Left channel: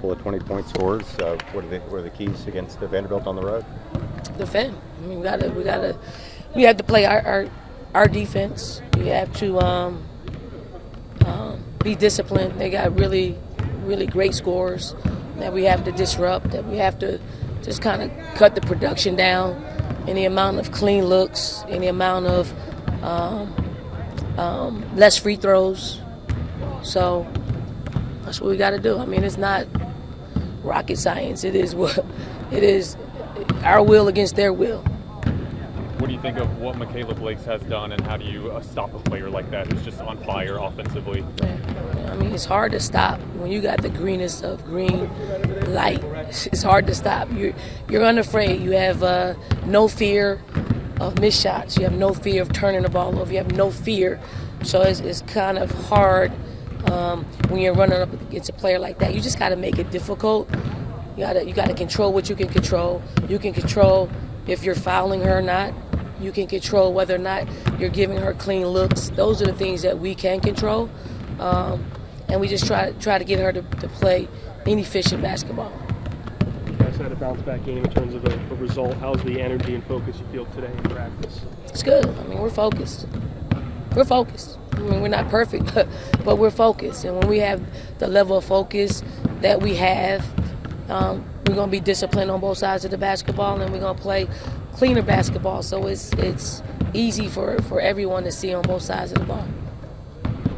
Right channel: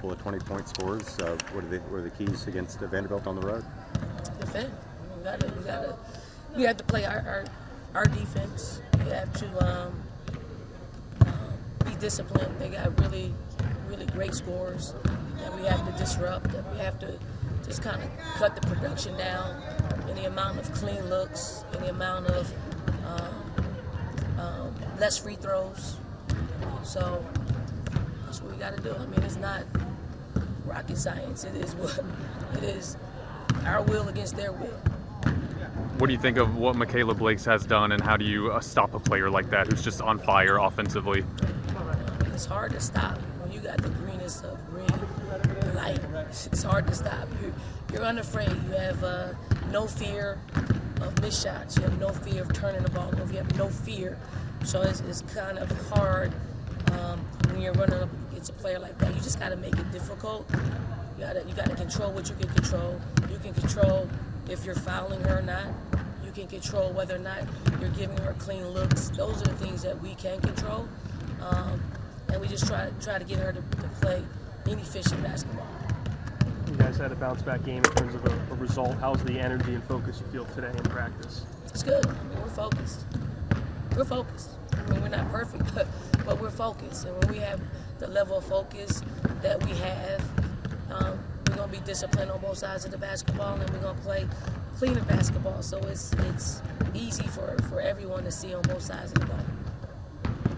Couple of 20-point scores. What are the keys against Vanderbilt on the road? Defend. I mean, we have to play our defense. We have to be disciplined. They got really great scores that we have to disrupt. That we have to just kind of cut the production down. Any amount of clean looks, any amount of less free throws. So that's what we got to do. I mean, it's not rocket science. It is our will against their will. What do you think of what Michaela Blakes has done, and how do you stop a player like that who's just on fire offensively? I mean, it's hard to stop when you got the greenest of green light. It's hard to stop. You're unafraid. You have no fear of missed shots. You have no fear of turning the ball over. You have no fear. So it's kind of hard when you're running up against a player like that. You just got to make it difficult. You got to control what you can control. You can control if you're fouling her or not. You can control whether or not you're giving her clean looks. Those are the things that we can control. And we just try to get her to play inefficient basketball. You guys had a bounce-back game in terms of a result. How's the energy and focus you feel today in practice? It's good. I mean, we're focused. We're focused. I mean, we're not perfect, but we're focused. And when we have the level of focus that we have, we're going to be disciplined on both sides of the basketball, and we're going to play cleaner basketball. So it's easy for everyone to see on both sides of the ball.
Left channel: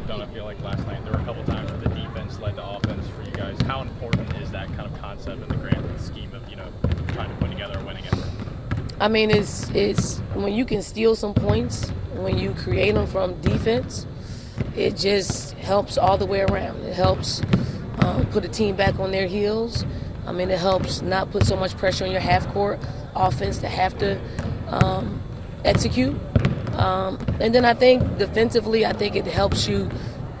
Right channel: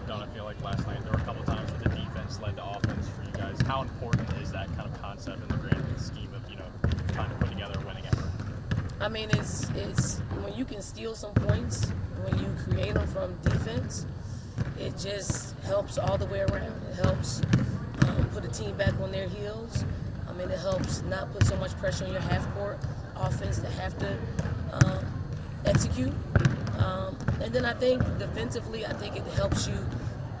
Don't I feel like last night there were a couple times where the defense led to offense for you guys? How important is that kind of concept in the grand scheme of, trying to put together a winning effort? I mean, it's when you can steal some points, when you create them from defense, it just helps all the way around. It helps put a team back on their heels. I mean, it helps not put so much pressure on your half-court offense to have to execute. And then I think defensively, I think it helps you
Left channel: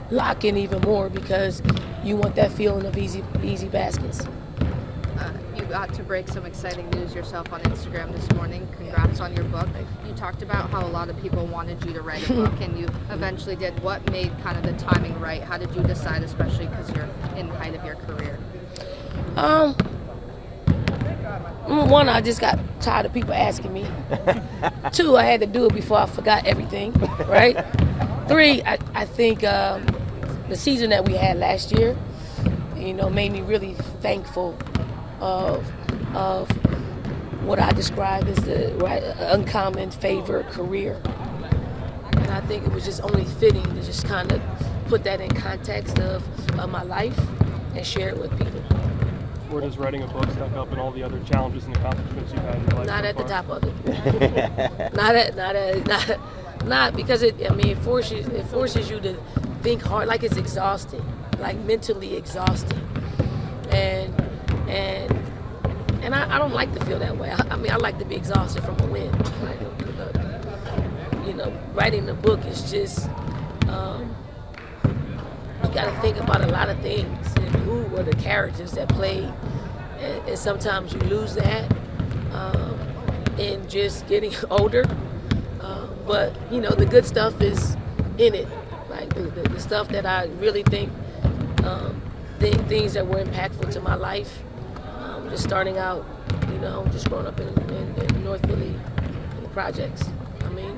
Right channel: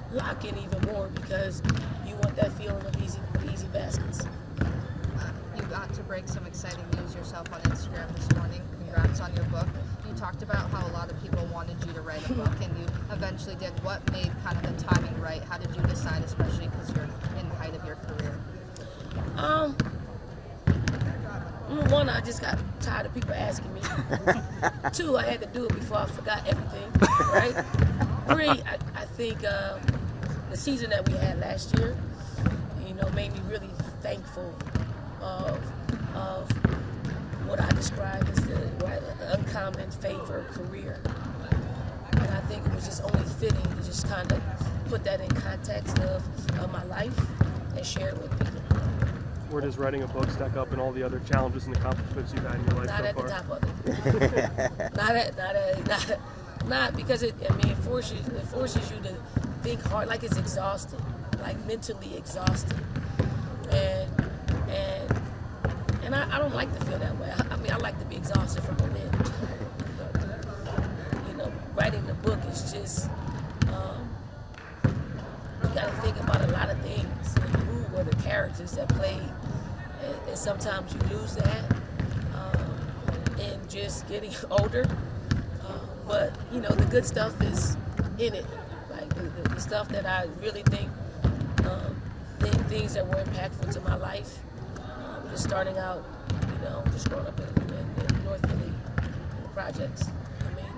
lock in even more because you want that feeling of easy baskets. You got to break some exciting news yourself on Instagram this morning. Congrats on your book. You talked about how a lot of people wanted you to write a book, and you eventually did. What made kind of the timing right? How did you decide, especially because you're in the height of your career? One, I just got tired of people asking me. Two, I had to do it before I forgot everything, right? Three, I think the season that we had last year, made me really thankful of what I described as the uncommon favored career. And I think it was just only fitting to just kind of put that in context of my life and share it with people. Where does writing a book stack up in all the other challenges and accomplishments you've had in your life? Not at the top of it. not because it forces you to think hard. Like it's exhausting, like mentally exhausting, and I don't like to feel that way. I mean, I like to be exhausted from a win. Writing the book is just you got to think about a lot of things. And who were the characters that played? And sometimes you lose that in just getting older. But, the good stuff is in it. Like the stuff that I really think, things that were impactful to my life. Just starting out, just growing up in North Philly, in the projects. I mean,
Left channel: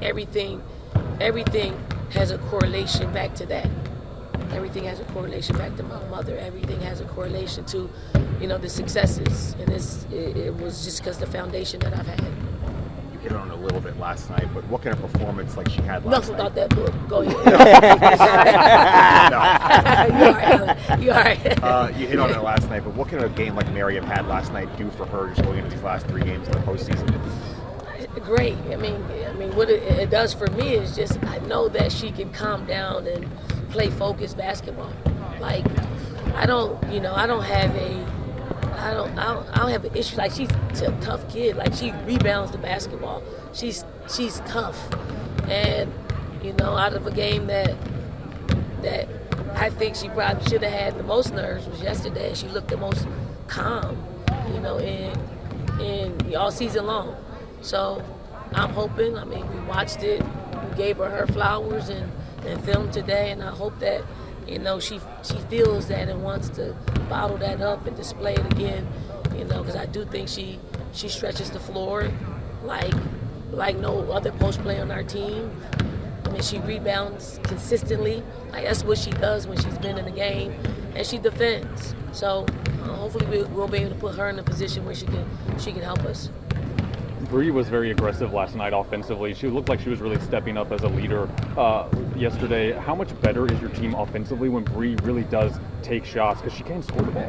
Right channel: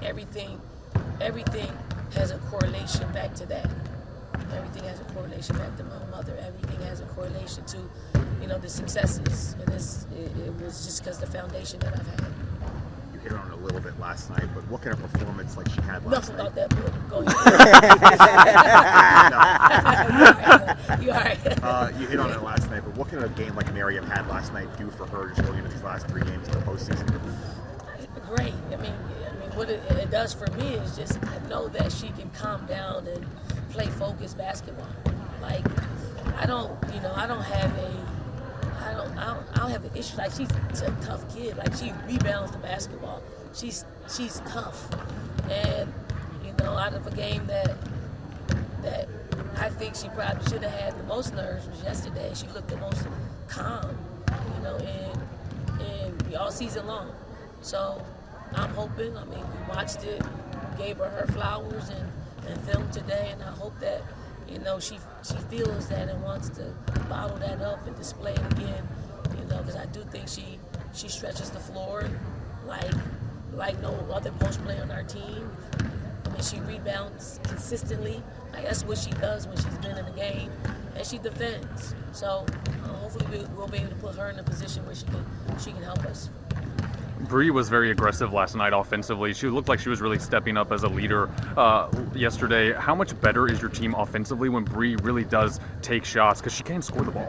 everything has a correlation back to that. Everything has a correlation back to my mother. Everything has a correlation to, the successes. And it was just because the foundation that I've had. You hit on it a little bit last night, but what kind of performance like she had last night? Enough about that book. Go ahead. You all right. You hit on it last night, but what can a game like Miriam had last night do for her just going into these last 3 games of the postseason? Great. I mean, what it does for me is just I know that she can calm down and play focused basketball. Like I don't have an issue. Like she's a tough kid. Like she rebounds the basketball. She's tough, and out of a game that I think she probably should have had the most nerves was yesterday. She looked the most calm, in all season long. So I'm hoping. We watched it. We gave her flowers and film today, and I hope that you know, she feels that and wants to bottle that up and display it again, you know, because I do think she stretches the floor like no other post player on our team. I mean, she rebounds consistently. Like, that's what she does when she's been in the game, and she defends. So hopefully we'll be able to put her in a position where she can help us. Bree was very aggressive last night offensively. She looked like she was really stepping up as a leader yesterday. How much better is your team offensively when Bree really does take shots? Because she can score the ball.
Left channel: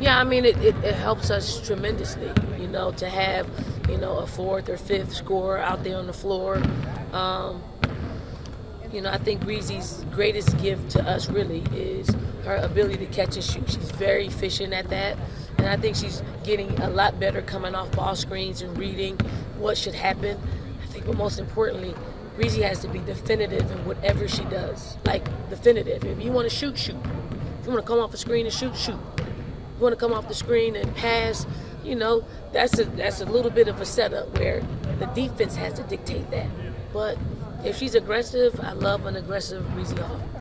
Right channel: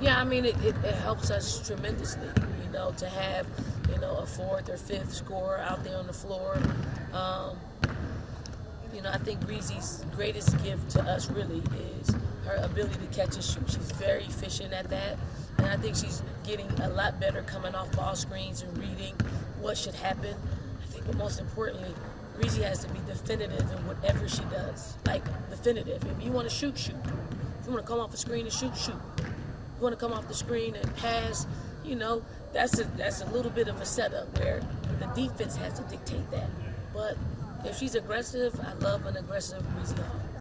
Yeah, I mean, it helps us tremendously, you know, to have, you know, a fourth or fifth scorer out there on the floor. You know, I think Breezy's greatest gift to us really is her ability to catch and shoot. She's very efficient at that. And I think she's getting a lot better coming off ball screens and reading what should happen. I think, but most importantly, Breezy has to be definitive in whatever she does. Like, definitive. If you want to shoot, shoot. If you want to come off the screen and shoot, shoot. If you want to come off the screen and pass, you know, that's a little bit of a setup where the defense has to dictate that. But if she's aggressive, I love an aggressive Breezy Hall.